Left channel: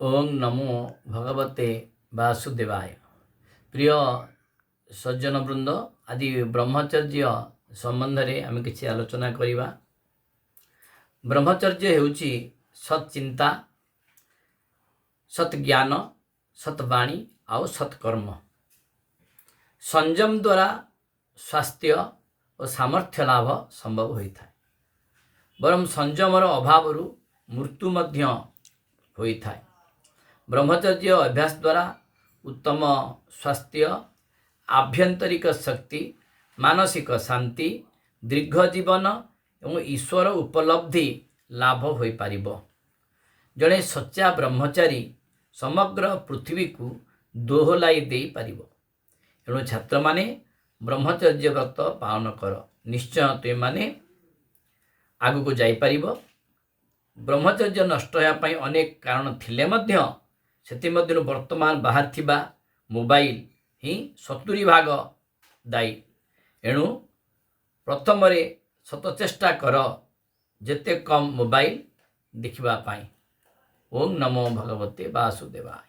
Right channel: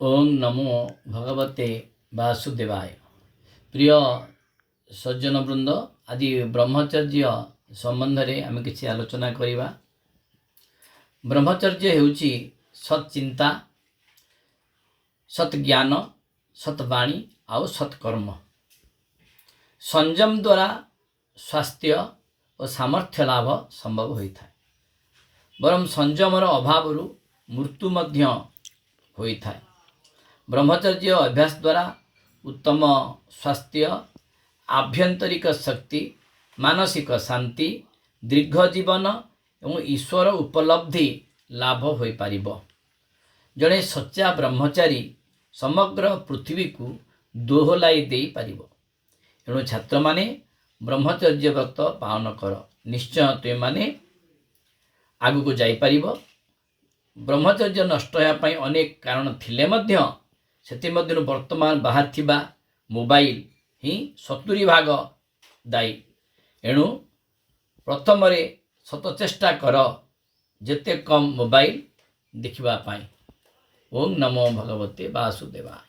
ओम नमो भगवते वासुदेवाय। प्रिय सज्जन वृंद, आज ब्रह्मचर्य संबंध में आम किसी आलोचना करवा। ब्रह्मचर्य हेउची सत्चिंता, सत्ज्ञान, सत्वाणी आउ सत्कर्म। संयम द्वारा स्वास्थ्य और सामर्थ्य लाभ संभव होता है। बरम संयमर अभाव मृत्यु मध्य होता है। ब्रह्मचर्य अभ्यास द्वारा उत्तम स्वास्थ्य, आभ्यंतरिक शक्ति, मानसिक शांति, दीर्घ जीवन और ईश्वर उपलब्धि लाभ हो पारिबो। जड़े सच्चा ब्रह्मचारी समग्र पृथ्वी को दोहलाई दे पारिबो। एणु छात्र माने ब्रह्मचर्य व्रत पालन कर, निश्चय तुम माने आगु को जाई पारिबो। ब्रह्मचर्य नष्ट होगापी अनेक कारण थिले मध्य से वर्तमान बाहर थिबा मोबाइल ही 70% दायी। एणु प्रथम सत चेष्टा कर जेते कम मोबाइल देखिबा पाई। ओम नमो भगवते वासुदेवाय।